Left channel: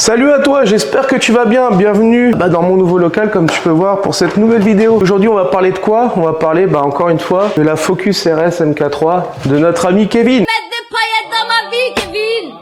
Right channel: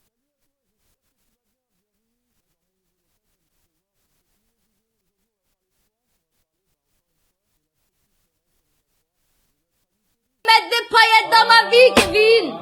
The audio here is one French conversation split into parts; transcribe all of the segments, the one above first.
Salut à toi, j'espère que tu vas bien. Bienvenue dans mon nouveau local, comme tu peux voir, pour cette nouvelle vidéo. Aujourd'hui, on va parler de quoi? On va parler, encore une fois, de la Focus RS MK3 de notre ami Kevin. Mettre des paillettes dans ma vie, Kevin.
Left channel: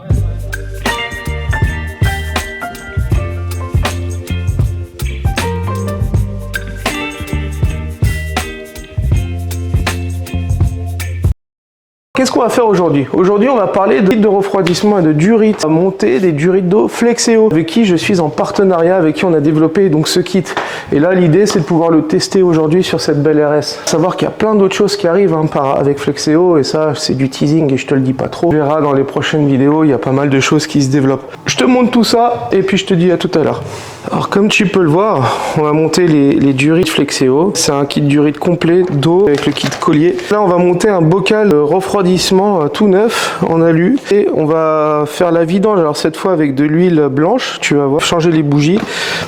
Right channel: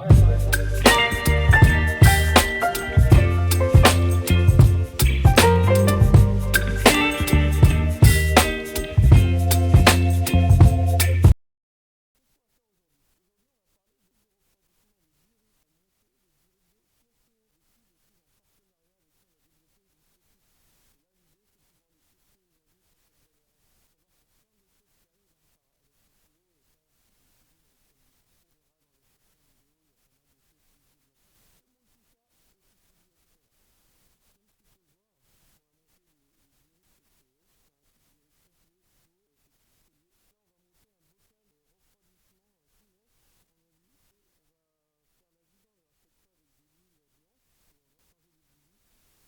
Qu'est-ce qu'on va faire aujourd'hui? Aujourd'hui, on va parler de refroidissement et de durite à monter des durites d'eau Flexeo, avec qui je suis en partenariat, avec qui on a développé donc ce kit. Et là, l'idée, c'est de pouvoir le tester aujourd'hui sur cette belle RS. Savoir qu'il y a plein d'autres choses qui arrivent avec Flexeo, et ça, c'est du teasing et je te le dis pas trop. On verra dans les prochaines vidéos, il y a pas mal de choses qui se développent. Je te montre tout ça et puis je te dis à tout à l'heure. Alors comme tu peux le voir, on va monter les durites Flexeo. C'est un kit durite complet d'eau avec le kit collier. Là, on va monter un bocal refroidissement tout neuf en alu et on va faire la vidange. Alors cette fois avec de l'huile blanche, tu vas voir, changer les bougies.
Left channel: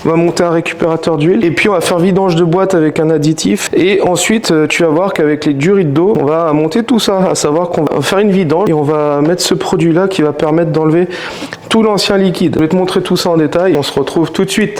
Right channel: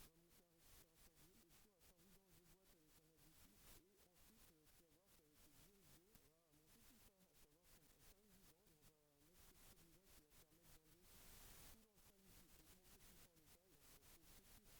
On va monter un récupérateur d'huile et puis on va faire vidange de boîte avec un additif. Et ensuite, tu vas voir qu'avec les durites d'eau, on va monter tout ça. À savoir qu'on va faire une vidange et on va mettre ce produit-là qui va permettre d'enlever tout l'ancien liquide. Je vais te montrer tout ça en détail. On se retrouve tout de suite.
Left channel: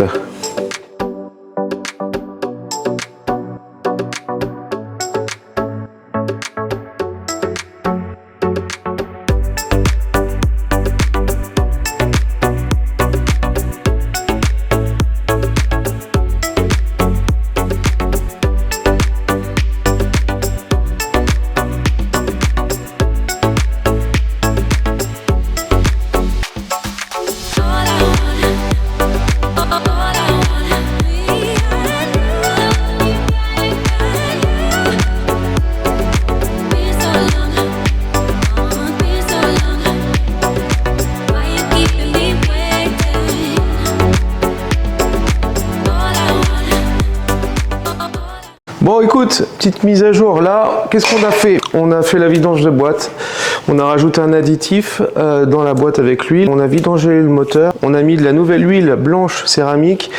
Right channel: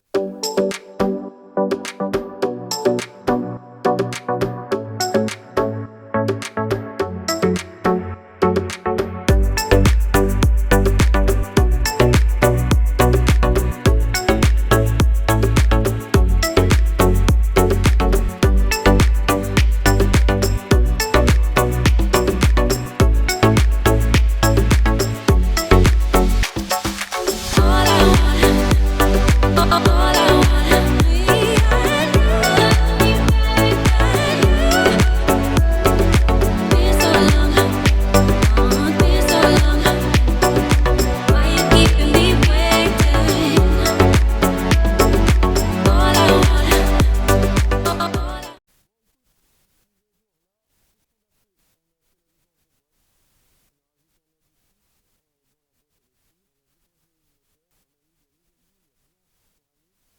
Bon écoute, petite mise à jour là, qu'est-ce qu'on a fait? On a fait la vidange de boîte, on a rajouté un additif dans la boîte avec l'huile, on a vidangé le moteur, on a mis de la nouvelle huile blanche céramique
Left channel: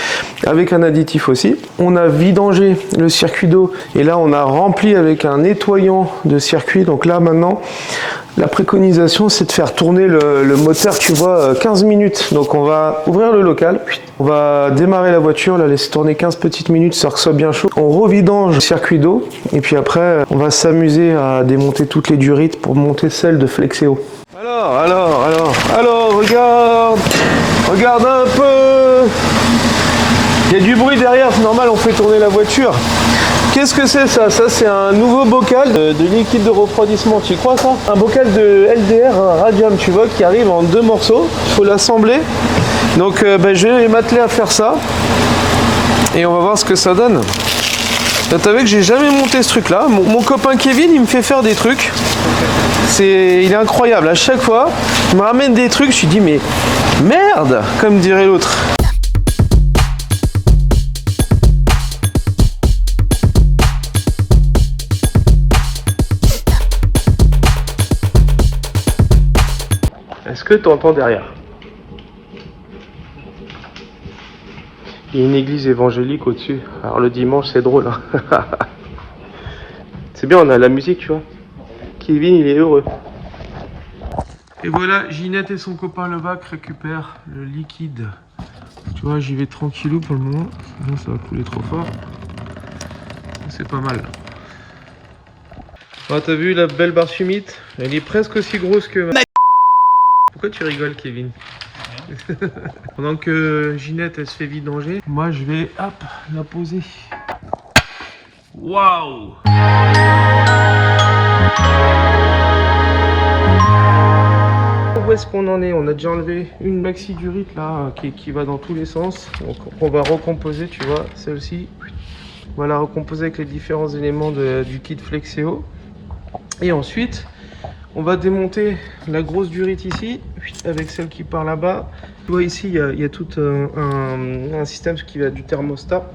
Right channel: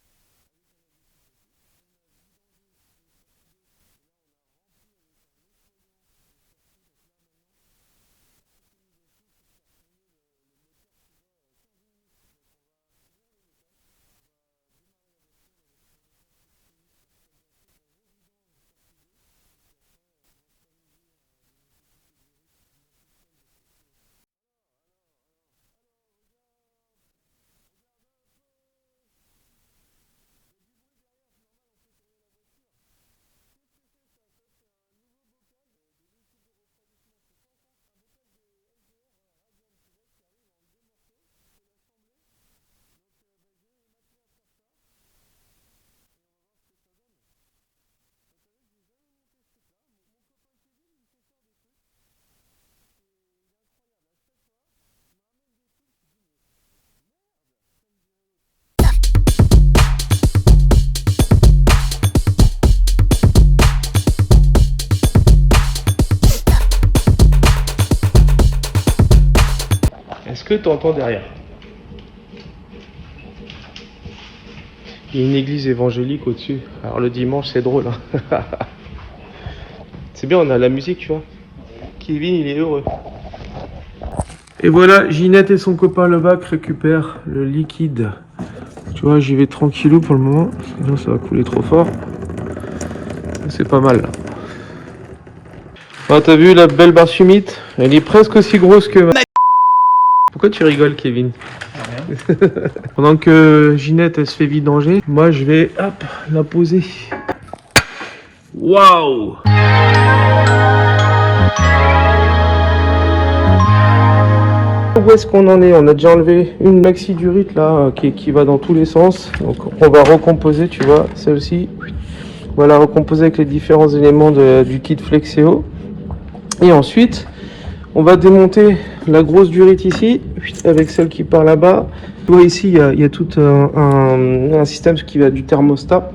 avec un additif aussi, on a vidangé le circuit d'eau et là on a rempli avec un nettoyant de circuit. Donc là maintenant, la préconisation, c'est de faire tourner le moteur, tu vois, 15 minutes. Donc on va ouvrir le local, on va démarrer la voiture, la laisser tourner 15 petites minutes, ça soit bien chaud. On revidange le circuit d'eau et puis après, on va s'amuser à démonter toutes les durites pour monter celle de Flexeo. Alors, regarde un peu. Il y a du bruit derrière, c'est normal, on fait tourner la voiture. Qu'est-ce que c'est ça? Ça c'est un nouveau bocal de liquide de refroidissement, tu crois ça? Un bocal de LDR radium, tu vois, qui arrive en 2 morceaux. Il faut l'assembler. Donc je vais m'atteler à faire ça. Et on va voir ce que ça donne. T'as vu que j'ai jamais monté ce truc là. Mon copain Kevin, il me fait faire des trucs. Il est incroyable. À chaque fois, il me ramène des trucs, je lui dis mais merde, comme dirait l'autre. Est-ce que tu entends derrière? Il y a une église évangélique au-dessus. Alors le dimanche, c'est drôle. Hein. C'est bien, on a la musique, tu vois. Kevin, il est heureux. Et voilà, Ginette et son copain Levac récupèrent le liquide. Tu vois, j'y vais tranquillou pour le moment. Sinon, ça va couler trop fort. C'est pas mal. Oh, t'as vu la belle barre humide? Elle est presque aussi grosse que... Pourquoi tu rigoles, Kevin? Rien. Pendant que Ginette elle se fait vidanger, moi je vais la poser. Waouh! Où est-ce qu'on en est? On a déjà enlevé une maxi durite là qui va dans tous les sens. Donc on va recomposer, tu vois, celle-ci. On va la recomposer avec les différents éléments du kit Flexeo. Et ensuite, on va démonter la grosse durite ici, avec celle qui part là-bas. Tu vois ici, il y a tout un système qui va du thermostat.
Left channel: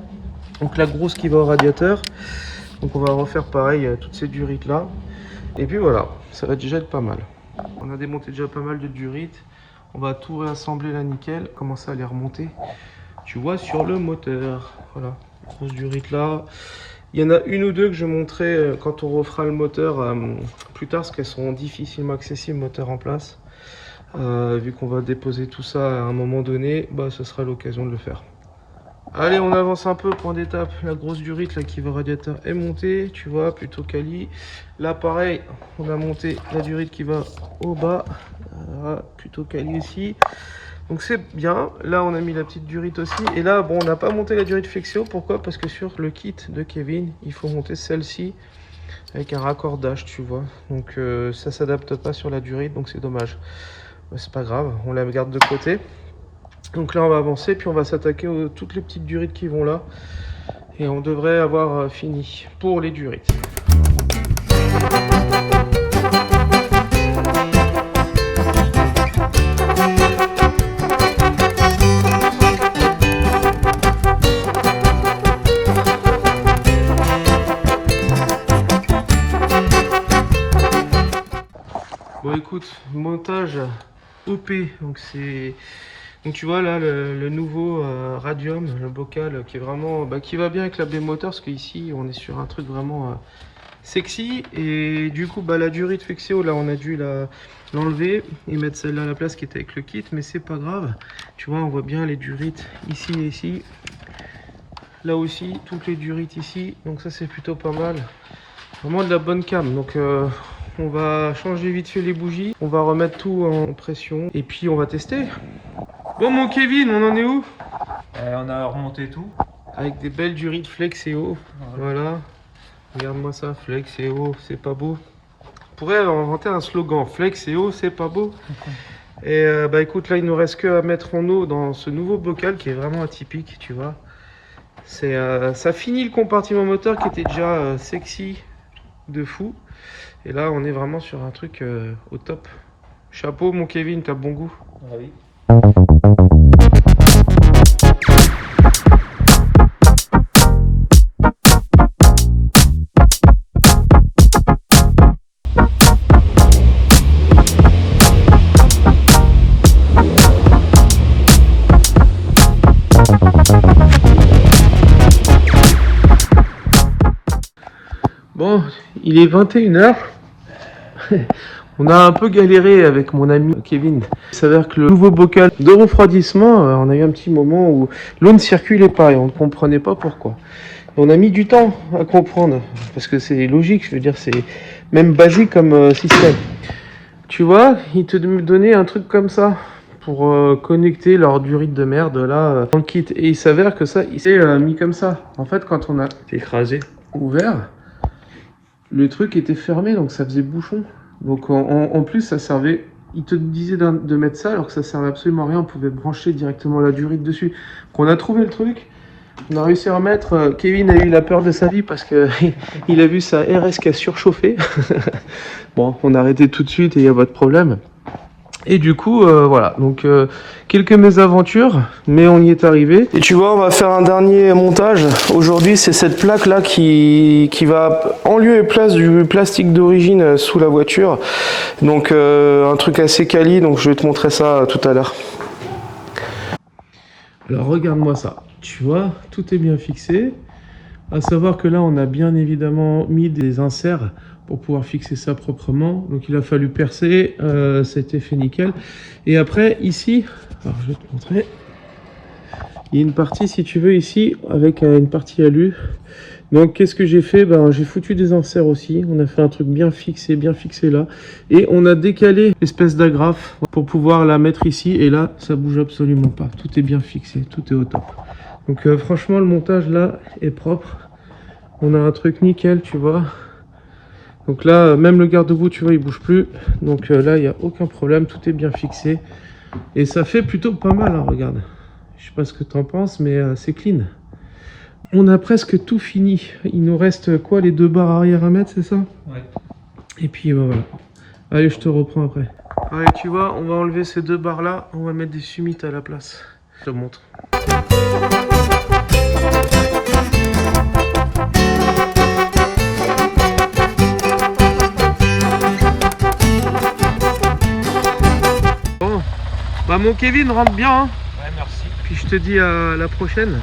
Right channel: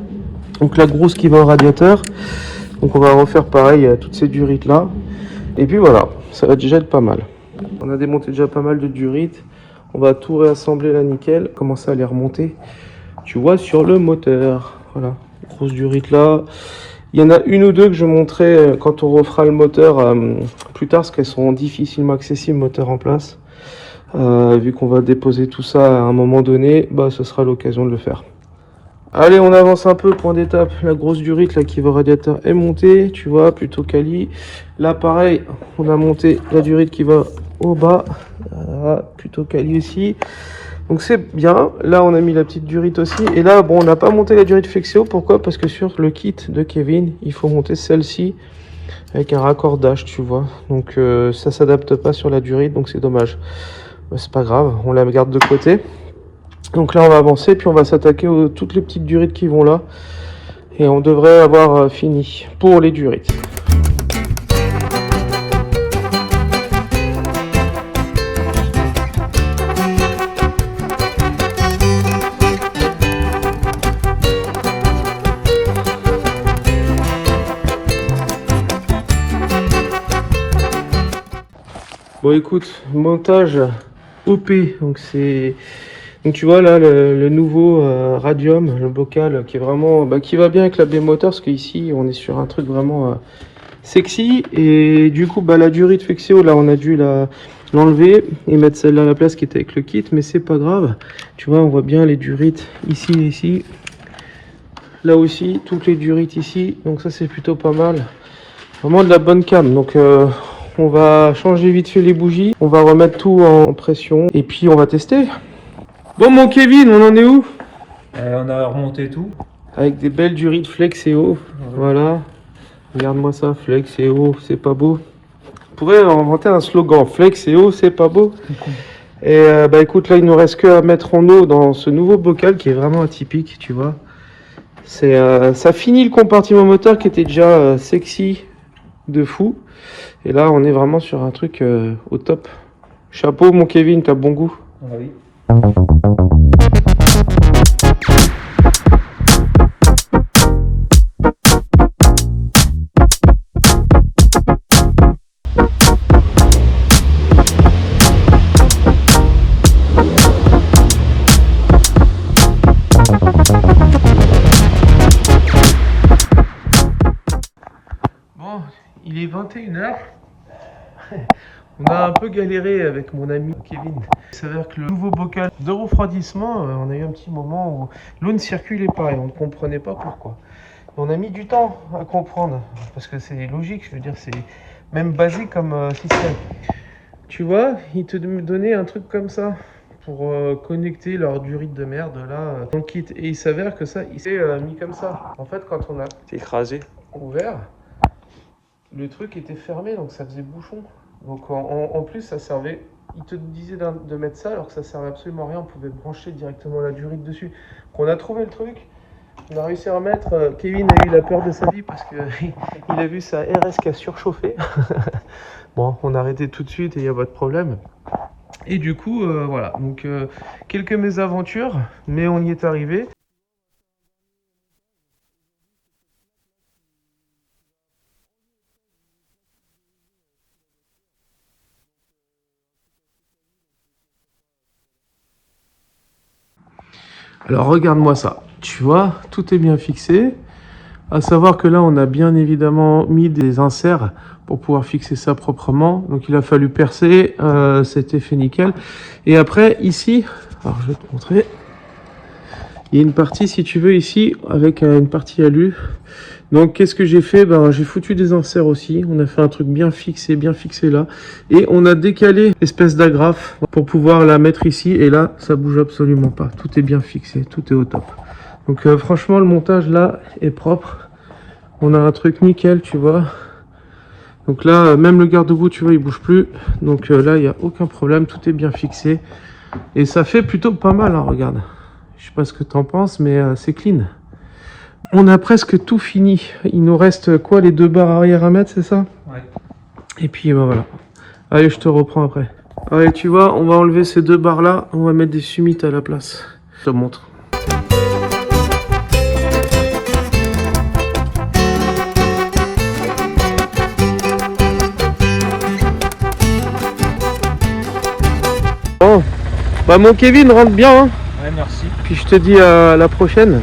Donc la grosse qui va au radiateur. Donc on va refaire pareil à toutes ces durites là. Et puis voilà, ça va déjà être pas mal. On a démonté déjà pas mal de durites. On va tout réassembler là nickel. Commencer à les remonter, tu vois, sur le moteur. Voilà, grosse durite là. Il y en a une ou deux que je montrerai quand on refera le moteur plus tard, parce qu'elles sont difficilement accessibles, moteur en place. Vu qu'on va déposer tout ça à un moment donné, bah ce sera l'occasion de le faire. Allez, on avance un peu, point d'étape. La grosse durite là qui va au radiateur est montée, tu vois, plutôt quali. Là pareil, on a monté la durite qui va au bas, voilà, plutôt quali aussi. Donc c'est bien. Là on a mis la petite durite aussi. Et là bon, on n'a pas monté la durite Flexeo. Pourquoi? Parce que sur le kit de Kevin, il faut monter celle-ci avec un raccordage, tu vois. Donc ça s'adapte pas sur la durite, donc c'est dommage. Bah, c'est pas grave, on la garde de côté. Donc là on va avancer, puis on va s'attaquer aux toutes les petites durites qui vont là. Et on devrait avoir fini pour les durites. Bon écoute, montage OP, donc c'est... Donc tu vois là le nouveau Radium, le bocal qui est vraiment... qui va bien avec la B-Motor, parce qu'ici on est sur un truc vraiment sexy. Et du coup la durite Flexeo, là on a dû l'enlever et mettre celle-là à la place qui était avec le kit, mais c'est pas grave. Tu vois, on voit bien les durites ici et ici. Là aussi, toutes les durites ici, donc ça c'est plutôt pas mal. Vraiment de la bonne cam, donc... on va changer vite fait les bougies, on va remettre tout en pression et puis on va tester. Bon mon Kevin, on en est où? On a remonté tout. Avec des belles durites Flexeo, voilà. Regarde-moi ça, Flexeo, c'est pas beau. On pourrait inventer un slogan, Flexeo, c'est pas beau. Et bah écoute, là il nous reste que à mettre en eau dans ce nouveau bocal qui est vraiment atypique, tu vois. Ça finit le compartiment moteur qui était déjà sexy de fou. Et là, on est vraiment sur un truc au top. Chapeau, mon Kevin, t'as bon goût. Oui. Bon, il est 21 h. On a un peu galéré avec mon ami Kevin. Il s'avère que le nouveau bocal de refroidissement, on a eu un petit moment où l'eau ne circulait pas et on ne comprenait pas pourquoi. Et on a mis du temps à comprendre, parce que c'est logique, je veux dire, c'est même basique comme système. Tu vois, il te donnait un truc comme ça pour connecter leur durite de merde là dans le kit. Et il s'avère que ça, il s'est mis comme ça. En fait, quand on a écrasé, ouvert, le truc était fermé, donc ça faisait bouchon. Donc en plus ça servait, il te disait de mettre ça alors que ça servait absolument à rien, on pouvait brancher directement la durite dessus. Donc on a trouvé le truc, on a réussi à remettre, Kevin a eu la peur de sa vie parce que il a vu sa RS qui a surchauffé. Bon, on a arrêté tout de suite et il n'y a pas de problème. Et du coup, voilà, donc quelques mésaventures, mais on y est arrivé. Et tu vois, on va faire un dernier montage. Aujourd'hui, c'est cette plaque-là qui va en lieu et place du plastique d'origine sous la voiture. Donc un truc assez quali, donc je vais te montrer ça tout à l'heure. Alors regarde-moi ça, tu vois, tout est bien fixé. À savoir que là, on a bien évidemment mis des inserts pour pouvoir fixer ça proprement. Donc il a fallu percer, c'était fait nickel. Et après ici, alors je vais te montrer, il y a une partie si tu veux ici avec une partie alu. Donc qu'est-ce que j'ai fait? J'ai foutu des inserts aussi, on a fait un truc bien fixé là. Et on a décalé l'espèce d'agrafe pour pouvoir la mettre ici. Et là, ça bouge absolument pas, tout est bien fixé, tout est au top. Donc franchement, le montage là est propre. On a un truc nickel, tu vois. Donc là, même le garde-boue, tu vois, il bouge plus. Donc là, il n'y a aucun problème, tout est bien fixé. Et ça fait plutôt pas mal, hein, regarde. Je sais pas ce que tu en penses, mais c'est clean. On a presque tout fini. Il nous reste quoi, les deux barres arrière à mettre, c'est ça? Ouais. Et puis voilà. Allez, je te reprends après. Allez, tu vois, on va enlever ces deux barres là. On va mettre des summits à la place. Je te montre. Bon, mon Kevin rentre bien, hein. Ouais, merci. Puis je te dis à la prochaine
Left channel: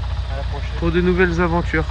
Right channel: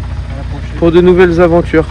pour de nouvelles aventures.